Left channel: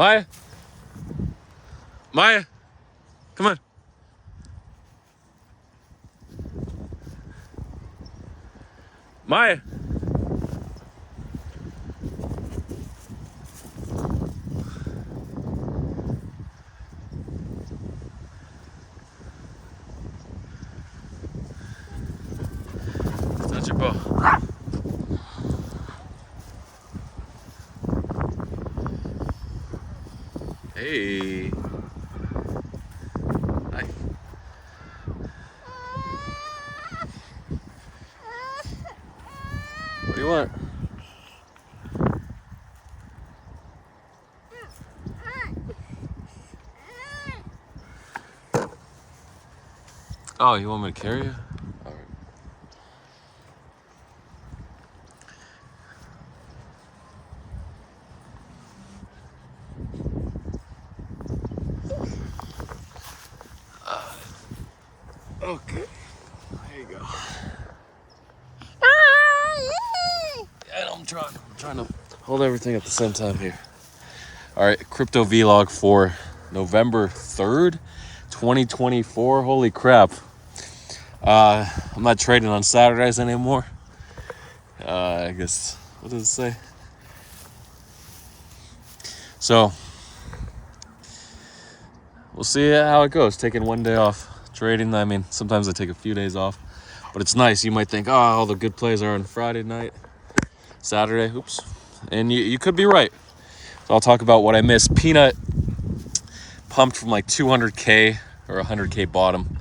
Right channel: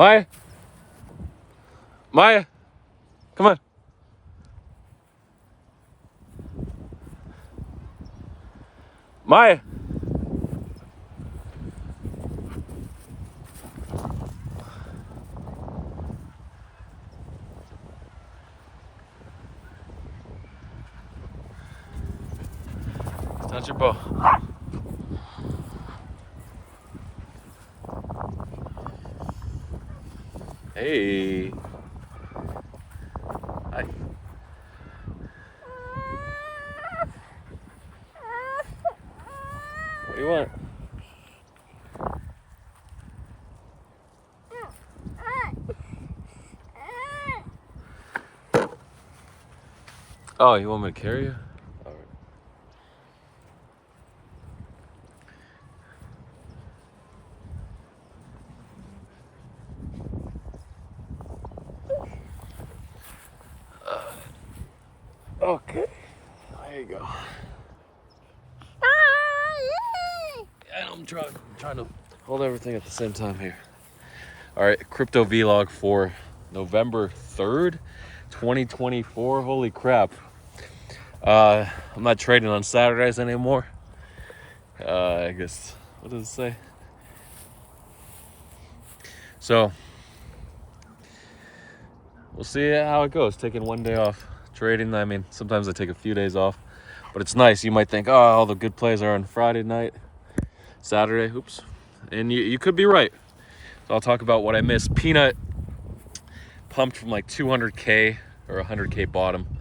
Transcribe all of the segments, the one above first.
Maya. Maya. Come on. Maya. Touch your bow. Hey. Hi. What do you want? Oh, you want me to carry you? All right. Okay. There you go. Yeah, I'm trying to hold everything at the same time here. All right, crypto vlog for November 3rd, 2024. Holy crap. I'm not trading on Saturdays anymore. I guess, what does it say? So, we'll see how it goes. Taking one day off trading. I mean, sometimes I take a few days off, but it's nice. You might think, oh, all the good plays are on Friday night, Saturday. Oops. And you could be right. So I'll talk about what I missed. Pnut pumped from like 200K or 100K bottom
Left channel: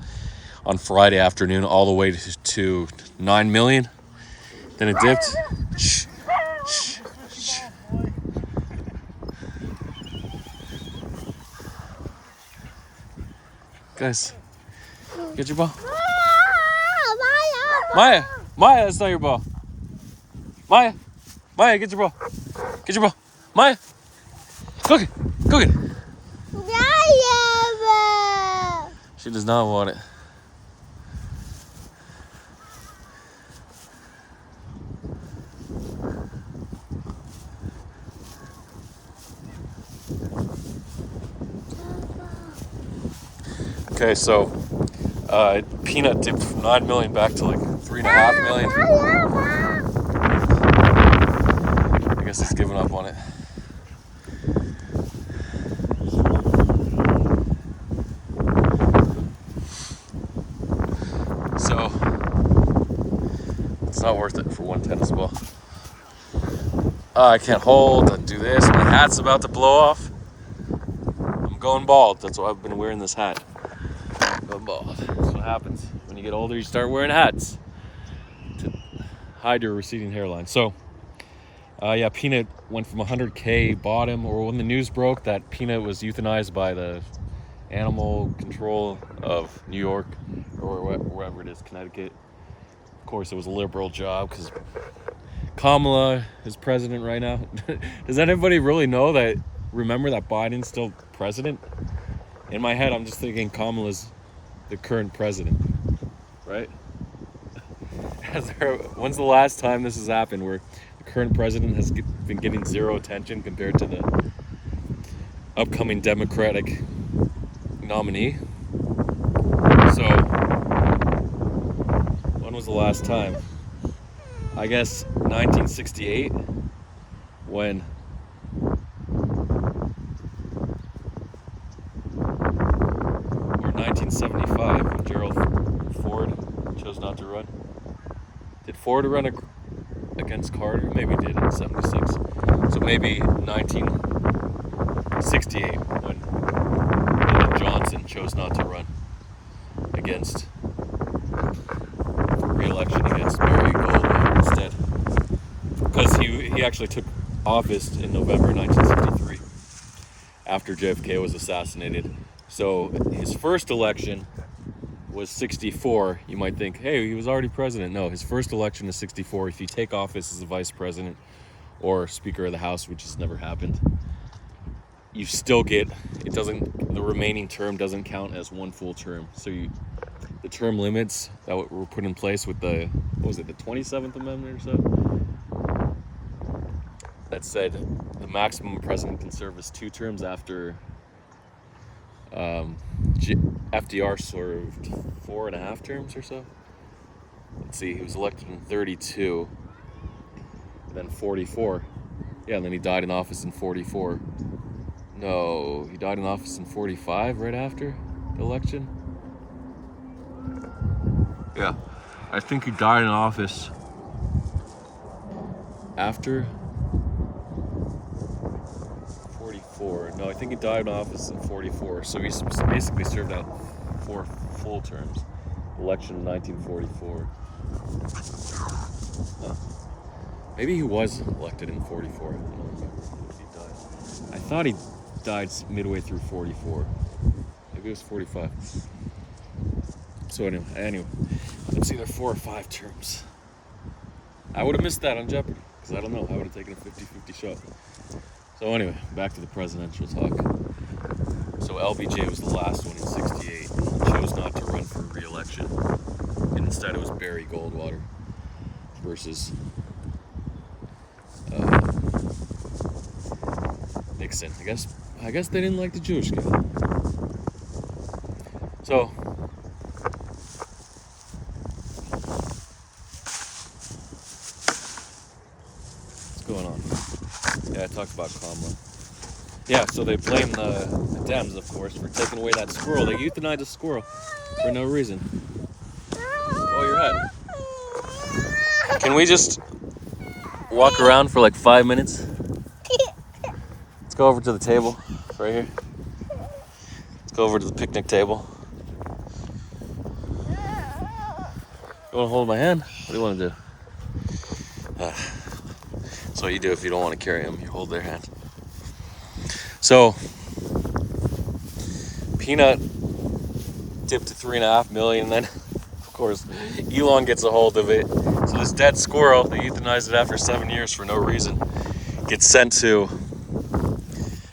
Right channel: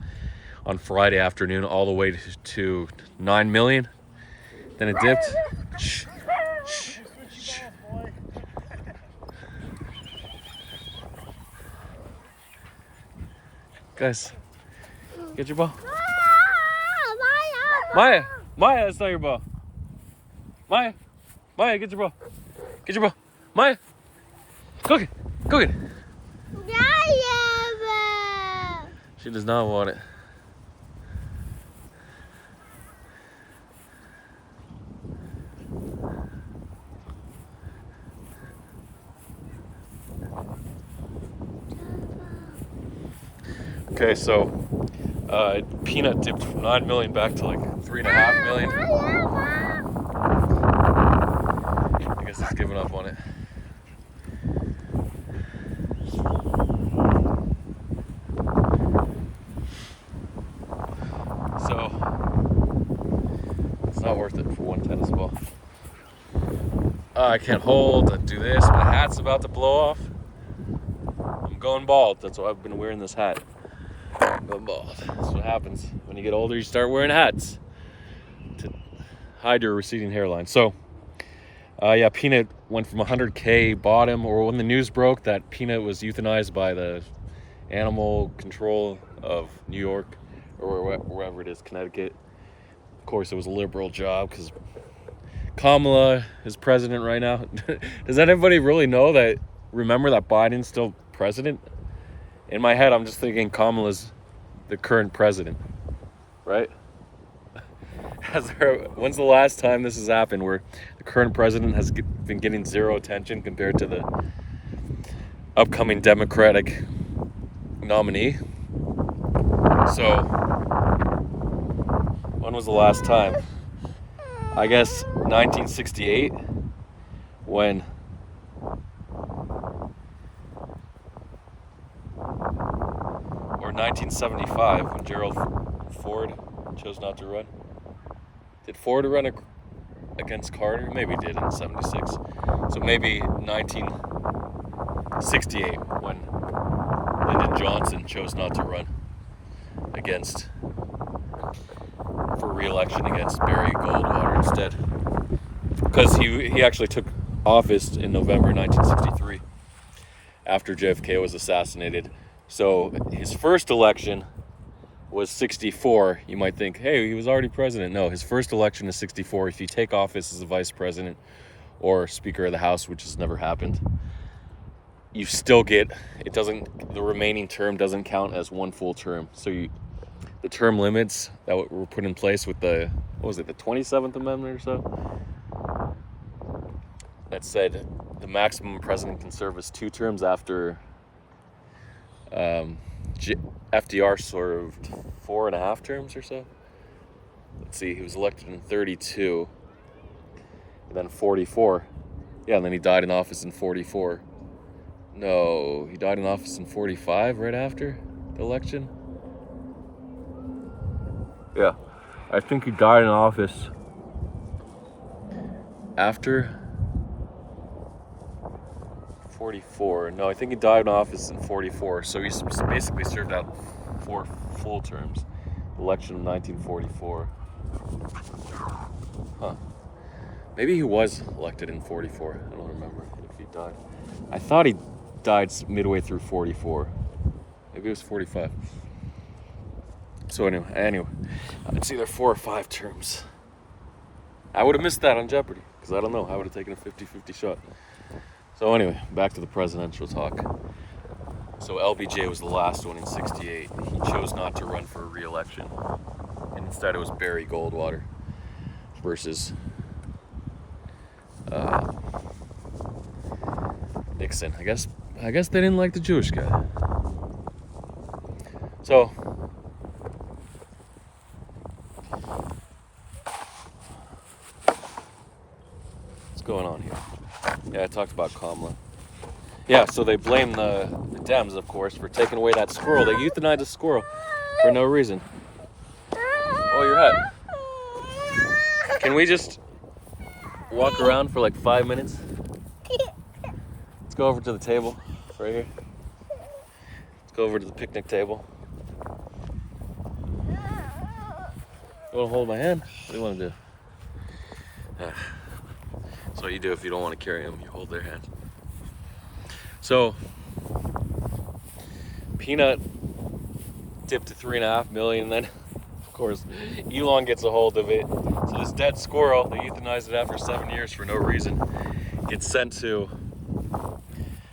on Friday afternoon all the way to 9 million. Then it dipped. Shh. Shh. Shh. Guys, get your ball. Maya, Maya, it's not your ball. Maya, Maya, get your ball. Get your ball. Maya, go get it. She does not want it. Okay, so Pnut dipped from 9 million back to like 3.5 million. I guess it's giving up on it. So it's not worth it for one tennis ball. I can't hold, I do this, my hat's about to blow off. I'm going bald, that's why I've been wearing this hat. I'm going bald. That's what happens. When you get older, you start wearing hats to hide your receding hairline. So, yeah, Pnut went from 100K bottom, or when the news broke that Pnut was euthanized by the animal control of New York, or wherever it is, Connecticut. Of course, it was a liberal job because Kamala is president right now. Does anybody really know that? Remember that Biden's still president? In my head, I'm just thinking Kamala's the current president, right? When's the last time this has happened where the current president has been getting zero attention compared to the upcoming Democratic nominee? So, when was the last time? I guess 1968, when or 1975, when Gerald Ford chose not to run. Did Ford run against Carter? Maybe he did in 76. So maybe 1968, when Lyndon Johnson chose not to run for re-election against Barry Goldwater instead, because he actually took office in November 1963 after JFK was assassinated. So his first election was 64. You might think, hey, he was already president. No, his first election is 64. If you take office as a vice president or Speaker of the House, which has never happened, you still get, the remaining term doesn't count as one full term. So the term limits that were put in place with the 27th Amendment or so, that said the maximum a president can serve is 2 terms after FDR served 4.5 terms or so. Let's see, he was elected in 32, and then 44. Yeah, and then he died in office in 44. No, he died in office in 45 right after the election. Yeah, I think he died in office after 44. No, I think he died in office in 44. So he basically served out 4 full terms. Election in 1944. Huh. Maybe he was elected in 44. I don't remember if he died. I thought he died midway through 44. Maybe it was 45. So anyway, it's either 4 or 5 terms. I would have missed that on Jeopardy, because I don't know. I would have taken a 50-50 shot. So anyway, back to the presidential talk. So LBJ was the last one in 68. He chose not to run for re-election. And instead it was Barry Goldwater versus Nixon. I guess they didn't like the Jewish guy. So what's going on here? Yeah, I talked about Kamala. Yeah, so they blame the Dems, of course, for taking away that squirrel. They euthanized a squirrel for no reason. Oh, your hat. Can we just walk around for like 5 minutes? Let's go over to the table right here. Let's go over to the picnic table. You want to hold my hand? What do you want to do? That's what you do if you don't want to carry them. You hold their hand. So, Peanut dipped to 3.5 million. Then, of course, Elon gets a hold of it. So this dead squirrel, they euthanized it after 7 years for no reason, gets sent to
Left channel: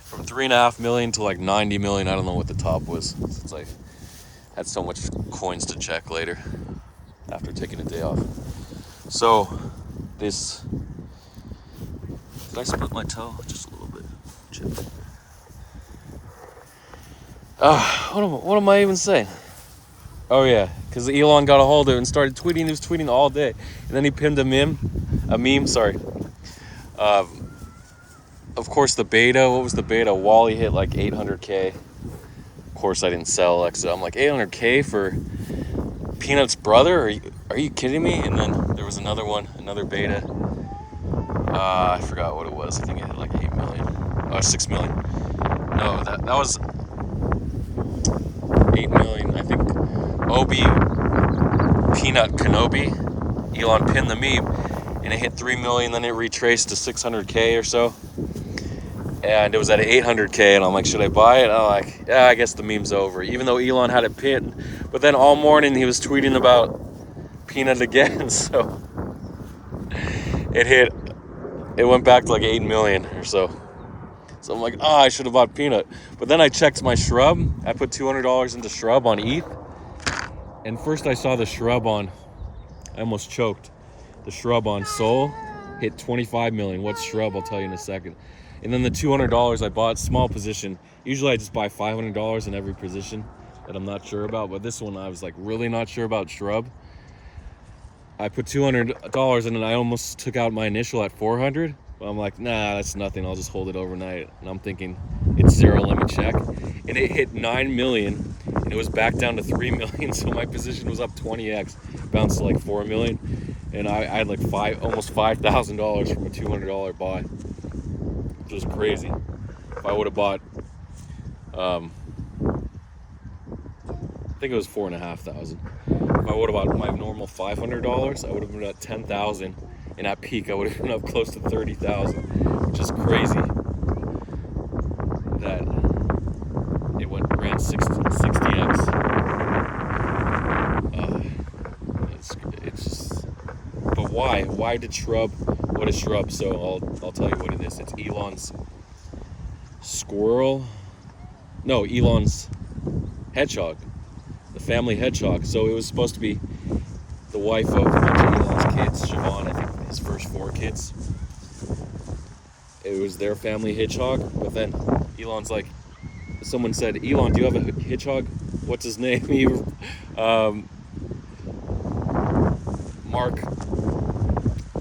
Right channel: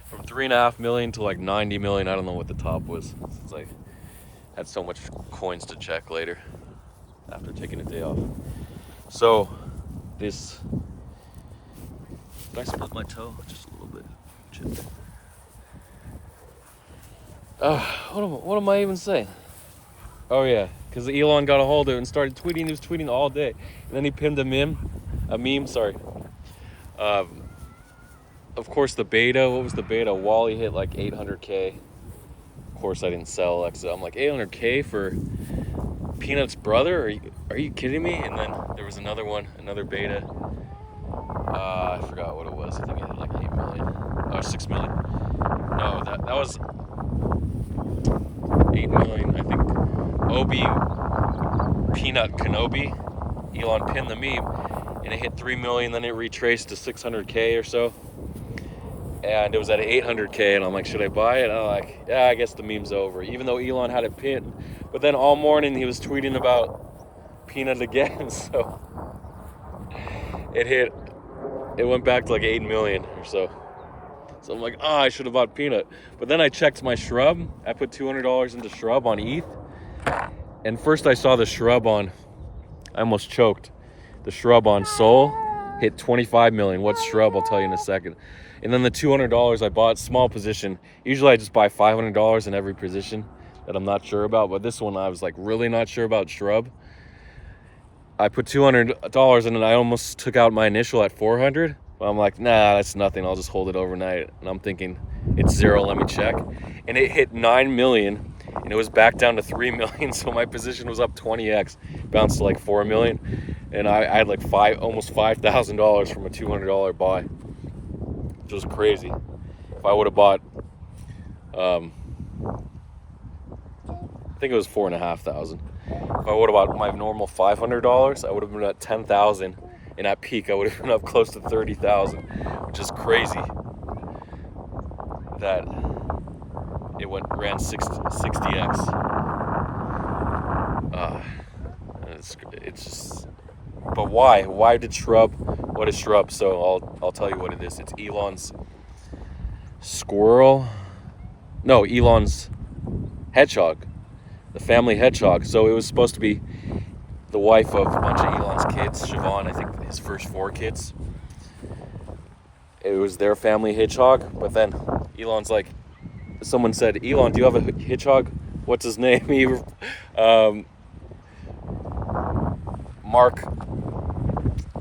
from 3.5 million to like 90 million. I don't know what the top was. It's like had so much coins to check later after taking a day off. So this, did I split my toe? Just a little bit. Chipped. What am I even saying? Oh yeah, because Elon got a hold of it and started tweeting. He was tweeting all day, and then he pinned a meme. Of course, the beta. What was the beta? Wally hit like 800K. Of course, I didn't sell Alexa. I'm like 800K for Peanut's brother? Are you kidding me? And then there was another one, another beta. I forgot what it was. I think it hit like 8 million. Oh, 6 million. No, that was 8 million. I think Obi Peanut Kenobi, Elon pinned the meme, and it hit 3 million. Then it retraced to 600K or so, and it was at 800K. And I'm like, should I buy it? I'm like, yeah, I guess the meme's over. Even though Elon had it pinned, but then all morning he was tweeting about Peanut again. So it went back to like 8 million or so. So I'm like, I should have bought Peanut. But then I checked my shrub. I put $200 into shrub on ETH. And first I saw the shrub on, I almost choked. The shrub on Sol hit 25 million. What's shrub? I'll tell you in a second. And then the $200 I bought, small position. Usually I just buy $500 in every position that I'm not sure about. But this one I was like really not sure about shrub. I put $200 in and I almost took out my initial at 400. But I'm like, nah, that's nothing. I'll just hold it overnight. And I'm thinking, it's zero, let me check. And it hit 9 million, and it was back down to 3 million. So my position was up 20x, bounced to like 4 million. And I had like almost $5,000 from a $200 buy, which was crazy. If I would have bought, I think it was 4,500. If I would have bought my normal $500, I would have been at 10,000. And at peak, I would have been up close to 30,000, which is crazy that it ran 60x. It's just, but why? Why did shrub? What is shrub? So I'll tell you what it is. It's Elon's squirrel. No, Elon's hedgehog, the family hedgehog. So it was supposed to be the wife of a bunch of Elon's kids, Siobhan, I think his first 4 kids. it was their family hedgehog. But then Elon's like, someone said, Elon, do you have a hedgehog? What's his name? He, Mark,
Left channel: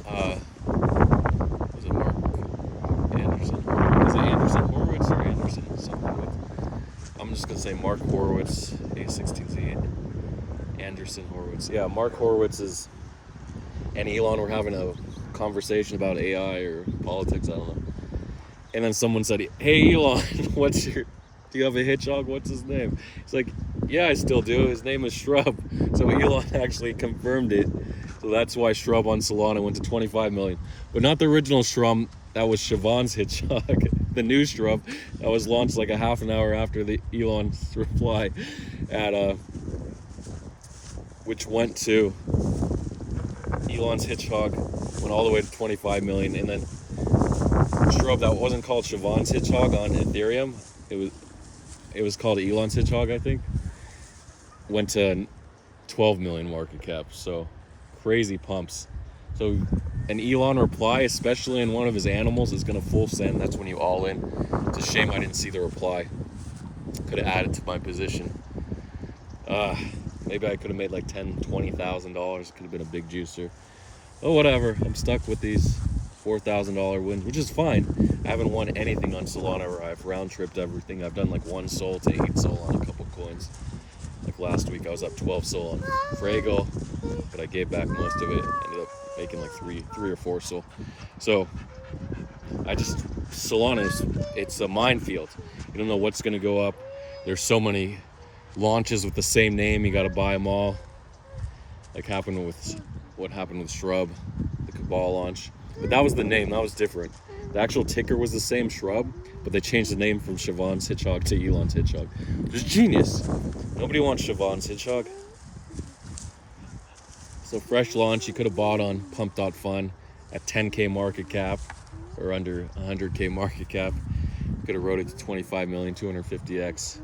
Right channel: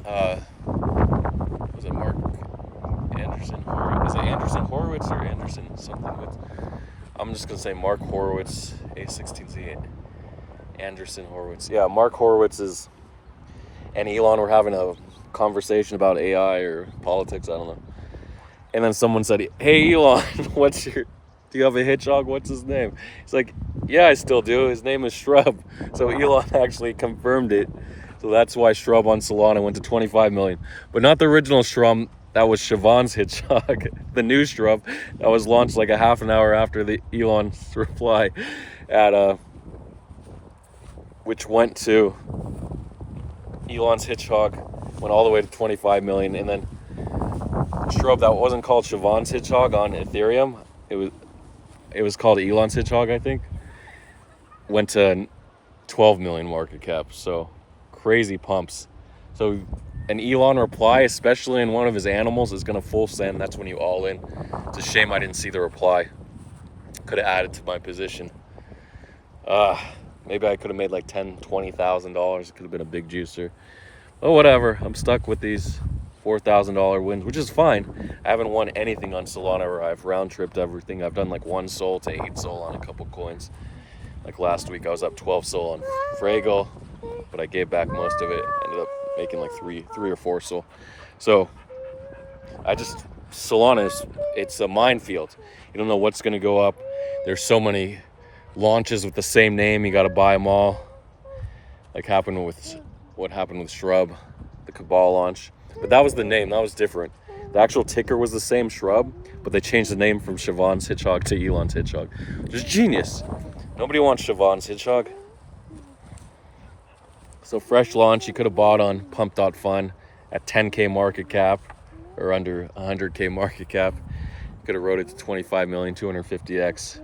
was it Mark Anderson? Is it Anderson Horowitz or Anderson something with? I'm just gonna say Mark Horowitz, A16Z, Anderson Horowitz. Yeah, Mark Horowitz and Elon were having a conversation about AI or politics, I don't know. And then someone said, hey Elon, do you have a hedgehog? What's his name? He's like, yeah, I still do. His name is Shrub. So Elon actually confirmed it. So that's why Shrub on Solana went to 25 million. But not the original Shrub. That was Siobhan's hedgehog. The new Shrub that was launched like a half an hour after the Elon's reply which went to Elon's hedgehog, went all the way to 25 million. And then Shrub that wasn't called Siobhan's hedgehog on Ethereum. It was called Elon's hedgehog, I think. Went to 12 million market cap. So crazy pumps. So an Elon reply, especially in one of his animals, is gonna full send. That's when you all in. It's a shame I didn't see the reply. Could have added to my position. Maybe I could have made like $10,000-$20,000. It could have been a big juicer. Oh, whatever. I'm stuck with these $4,000 wins, which is fine. I haven't won anything on Solana, or I've round tripped everything. I've done like 1 SOL to 8 SOL on a couple coins. Like last week, I was up 12 SOL on Fraggle, but I gave back most of it. Ended up making like 3 or 4 SOL. So Solana it's a minefield. You don't know what's gonna go up. There's so many launches with the same name. You got to buy them all. Like what happened with Shrub, the Cabal launch. But that was the name. That was different. The actual ticker was the same, Shrub, but they changed the name from Siobhan's hedgehog to Elon's hedgehog, which is genius. Nobody wants Siobhan's hedgehog. So fresh launch, you could have bought on pump.fun at 10K market cap or under 100K market cap. You could have rode it to 25 million, 250x.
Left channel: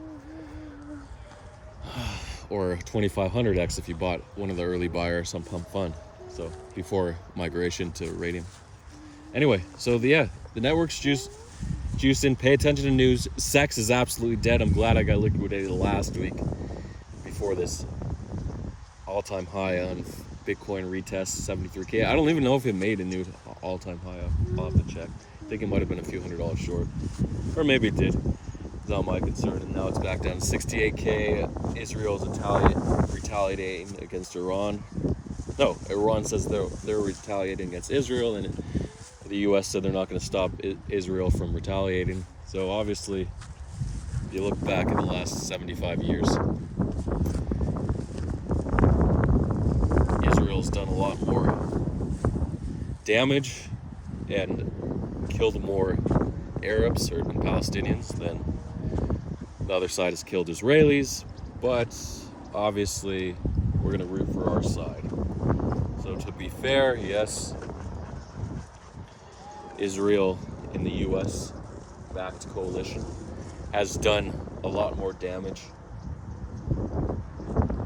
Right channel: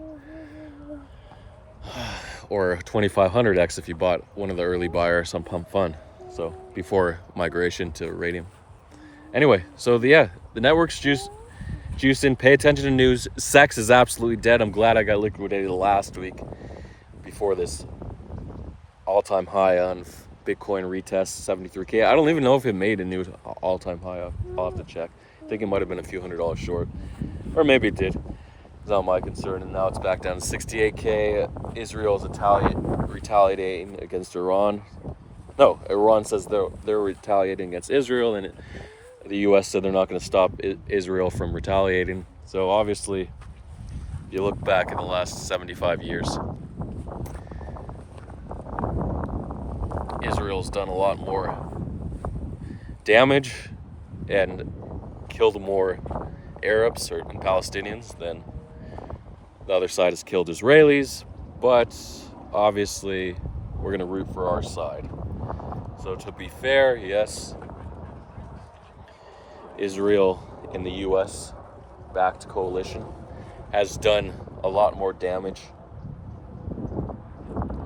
Or 2500x if you bought one of the early buyers on Pump Fun. So before migration to Radium. Anyway, so the network's juicing. Pay attention to news. Sex is absolutely dead. I'm glad I got liquidated last week before this all-time high on Bitcoin retest 73K. I don't even know if it made a new all-time high. I'll have to check. I think it might have been a few $100 short, or maybe it did. It's not my concern. And now it's back down to 68K. Israel's retaliating against Iran. No, Iran says they're retaliating against Israel, and the U.S. said they're not going to stop Israel from retaliating. So obviously, if you look back in the last 75 years, Israel's done a lot more damage and killed more Arabs and Palestinians than the other side has killed Israelis. But obviously, we're going to root for our side. So to be fair, yes, Israel in the U.S. backed coalition has done a lot more damage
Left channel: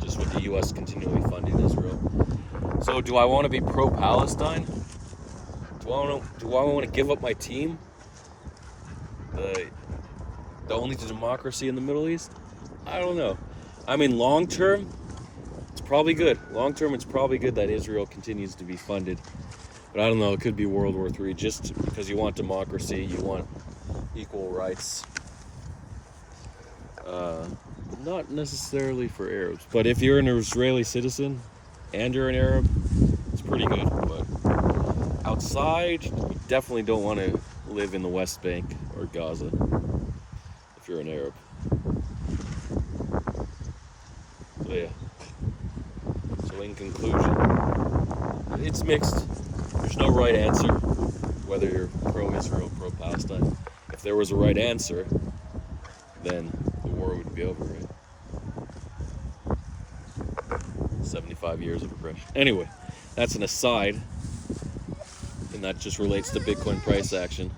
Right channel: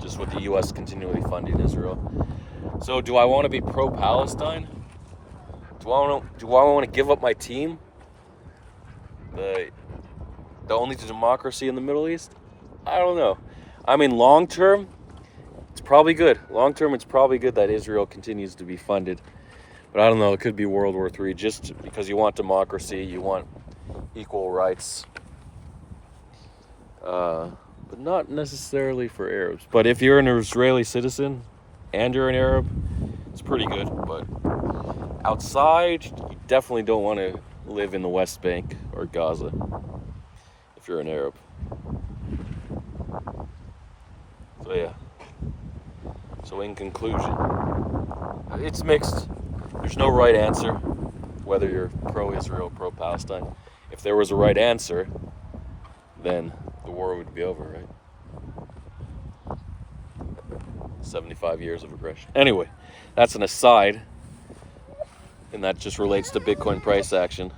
just with the U.S. continually funding Israel. So do I want to be pro-Palestine? Do I want to give up my team? The only democracy in the Middle East? I don't know. I mean, long term, it's probably good. Long term, it's probably good that Israel continues to be funded. But I don't know, it could be World War III just because you want democracy, you want equal rights. But not necessarily for Arabs. But if you're an Israeli citizen and you're an Arab, it's pretty good. But outside, you definitely don't want to live in the West Bank or Gaza if you're an Arab. So yeah. So in conclusion, it's mixed. There's no right answer whether you're pro-Israel, pro-Palestine. If there was a right answer, then the war would be over, right? 75 years of aggression. Anyway, that's an aside, and that just relates to Bitcoin price action.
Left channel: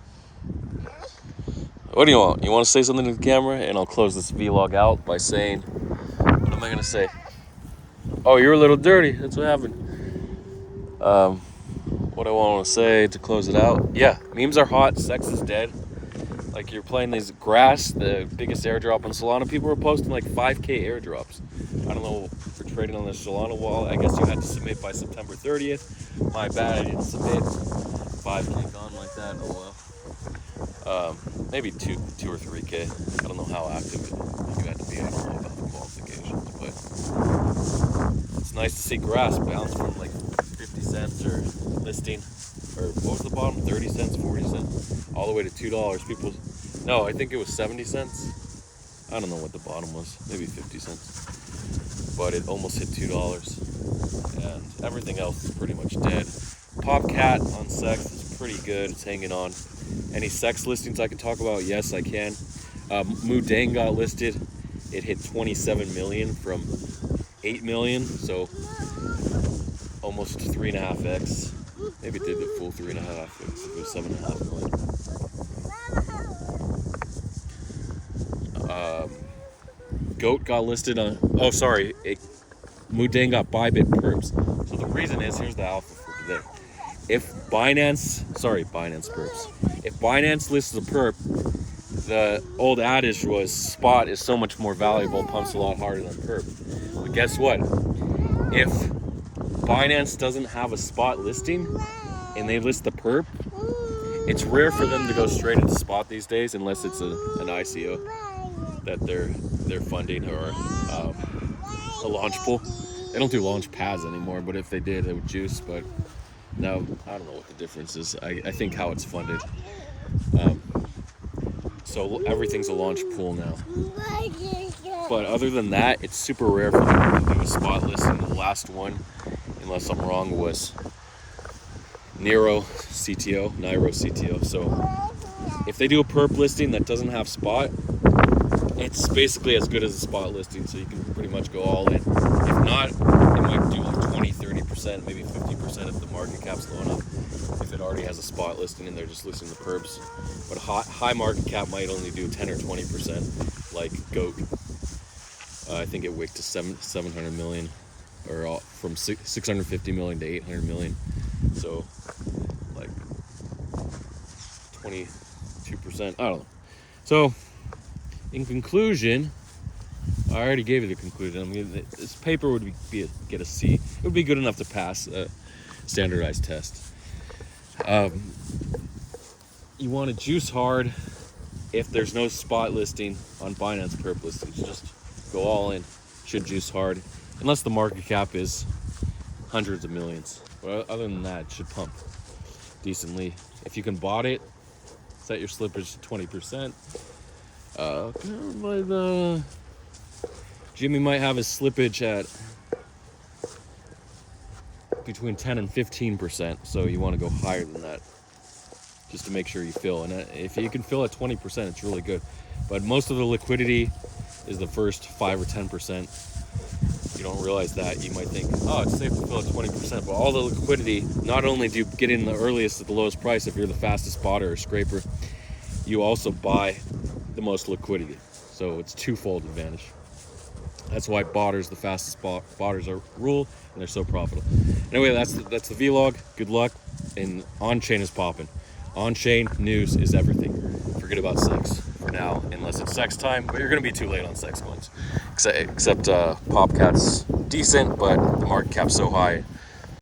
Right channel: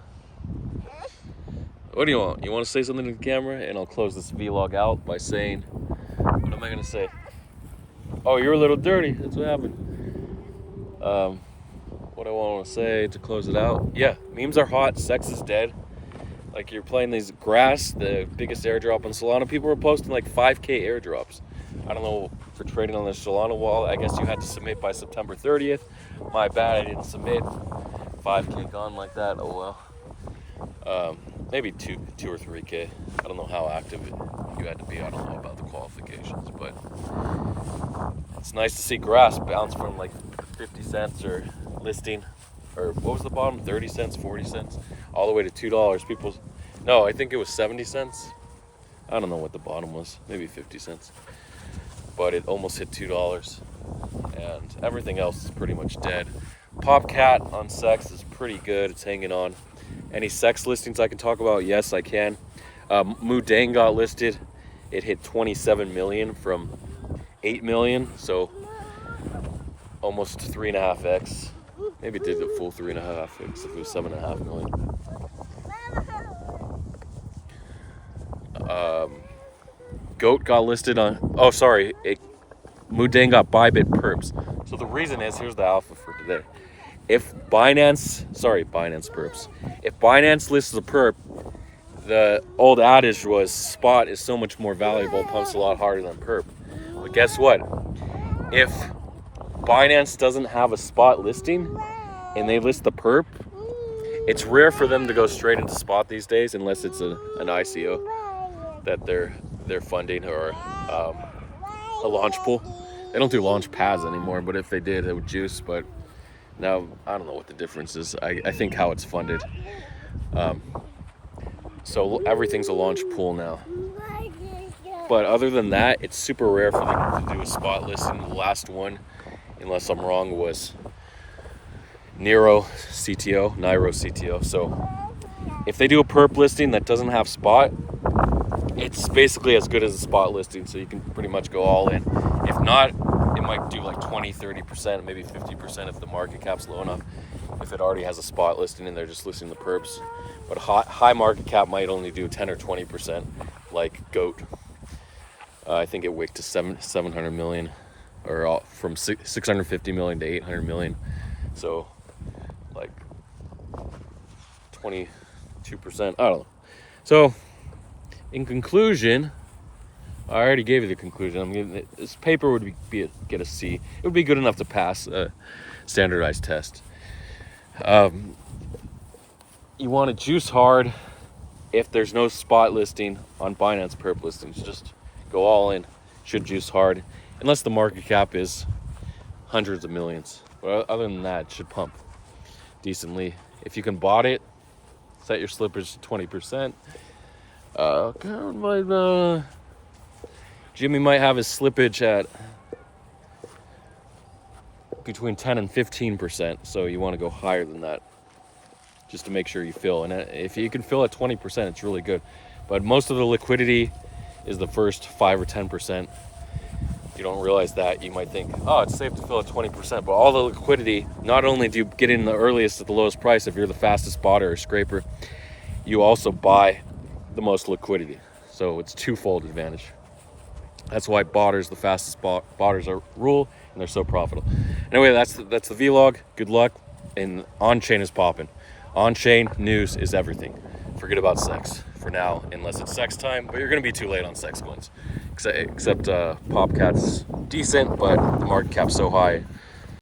What do you want? You want to say something to the camera? And I'll close this vlog out by saying, what am I going to say? Oh, you're a little dirty. That's what happened. what I want to say to close it out. Yeah, memes are hot. Sex is dead. Like, you're playing these grass, the biggest airdrop on Solana. People were posting like 5K airdrops. I don't know, for trading on the Solana wall. I guess you had to submit by September 30th. My bad, I didn't submit. 5K gone like that. Oh well. Maybe 2 or 3K. I don't know how active you had to be. I don't know about the qualifications, but it's nice to see grass bounce from like 50 cents or listing, or what was the bottom? 30 cents, 40 cents, all the way to $2. No, I think it was 70 cents. I don't know what the bottom was. Maybe 50 cents. But it almost hit $2. And everything else is pretty much dead. Popcat on Sex is pretty good. It's hanging on. Any sex listings I can talk about? Yes, I can. Moodeng got listed. It hit 27 million from 8 million, so almost 3.5x. Maybe it did the full 3.5x if it was 7.5 million. Goat got listed on. Oh, sorry. Moodeng got Bybit perps. So the reason is, here's the alpha for today. If Binance perps. If Binance lists a perp, the old adage was spot is so much more valuable, pumps a lot harder than perp. But guess what? If Binance doesn't have a spot listing and they list the perp, it's rare for them to go straight into spot these days unless it's an ICO that they're funding, or a launch pool. They don't do launch pads anymore, but if they did, it would juice. But now, I don't know what the difference is. I think how it's funded. So everything's a launch pool now. But other than that, it's super rare for them to do a spot listing. The last one, unless I'm wrong, was Niro CTO. So if they do a perp listing that doesn't have spot, it's basically as good as a spot listing, so you can pretty much go all in. If not, it might do like 20, 30%, maybe 50% if the market cap's low enough, if it already has a spot listing and they're just listing the perps. But high market cap might only do 10 or 20%, like Goat. I think it wicked to 700 million, or from 650 million to 800 million. So like 22%, I don't know. So in conclusion, I already gave you the conclusion. This paper would get a C. It would be good enough to pass a standardized test. You want to juice hard if there's no spot listing on Binance perp listings. Just go all in. Should juice hard, unless the market cap is hundreds of millions. But other than that, it should pump decently. If you can bot it, set your slippage to 20%. Jimmy might have his slippage at between 10 and 15%, so you want to go higher than that just to make sure you fill. And if you can fill at 20%, it's really good. But most of the liquidity is the first 5 or 10%. You don't realize that. You might think, oh, it's safe to fill at 20%, but all the liquidity, not only do you get in the earliest at the lowest price if you're the fastest botter or scraper, you also buy the most liquidity. So it's twofold advantage. That's why botters, the fastest botters are rule, and they're so profitable. Anyway, that's the vlog. Good luck. And on-chain is popping. On-chain news is everything. Forget about sex for now, unless it's sex time, but you're going to be too late on sex coins. Except Popcat's decent, but the market cap's so high,